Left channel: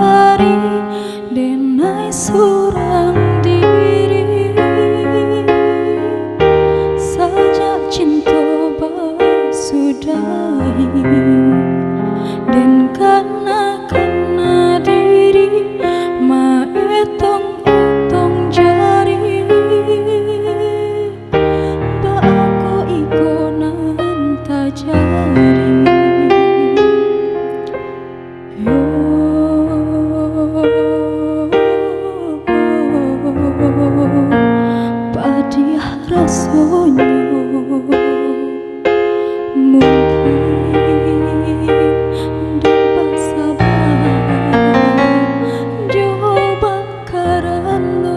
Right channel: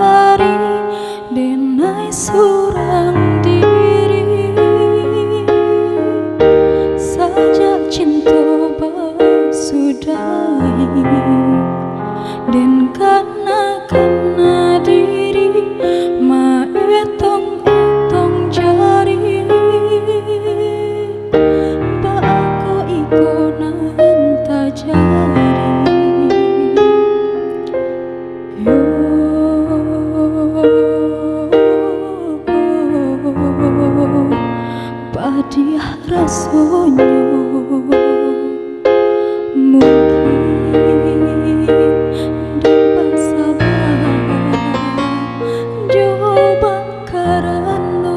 hari denai surang diri saja cinta basudahi dan kana diri ma etong jari ba aku ikonan tajari yo padiah rasonyo mungkin dapat sabar coba karena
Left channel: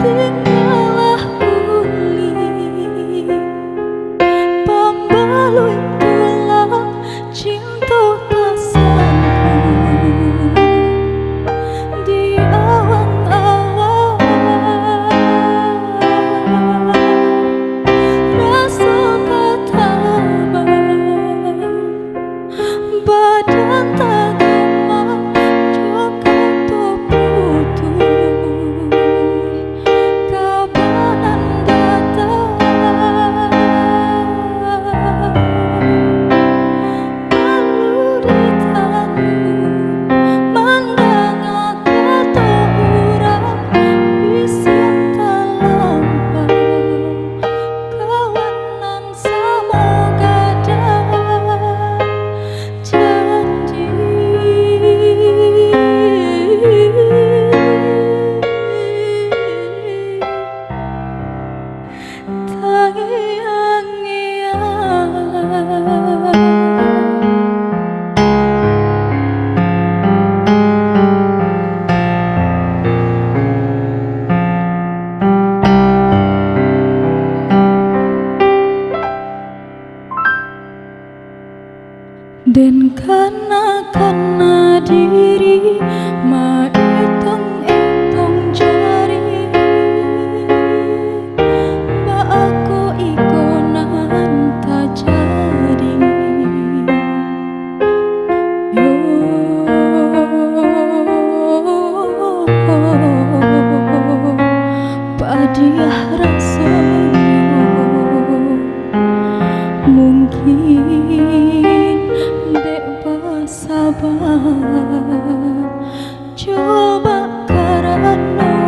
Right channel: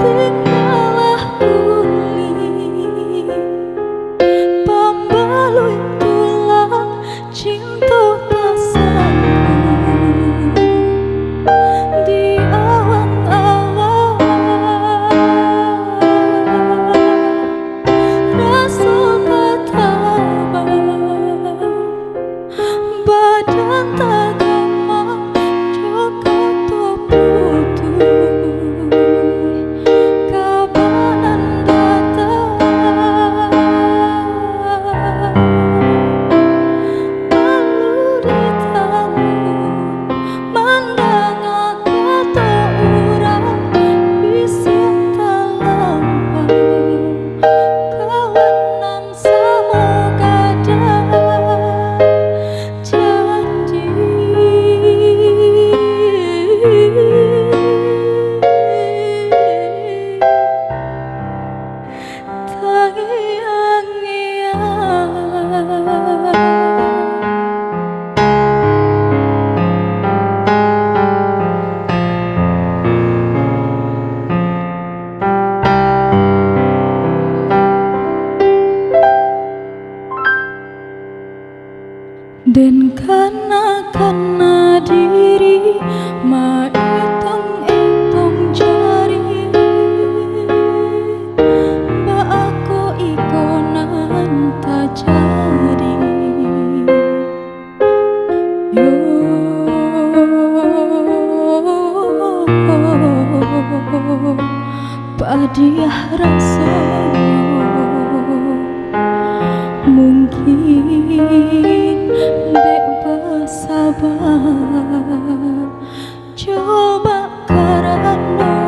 tinggalah uli pambalui tulang cinta pasanku di awang-awang rasa katabang badan tagamang joka toputuh kabanan datang malu ditangun mandang kata urang bisa talampau kawanan samoga janji dan kana diri ma etong jari ba aku ikonan tajari yo padiah rasonyo mungkin dek bersabar coba karena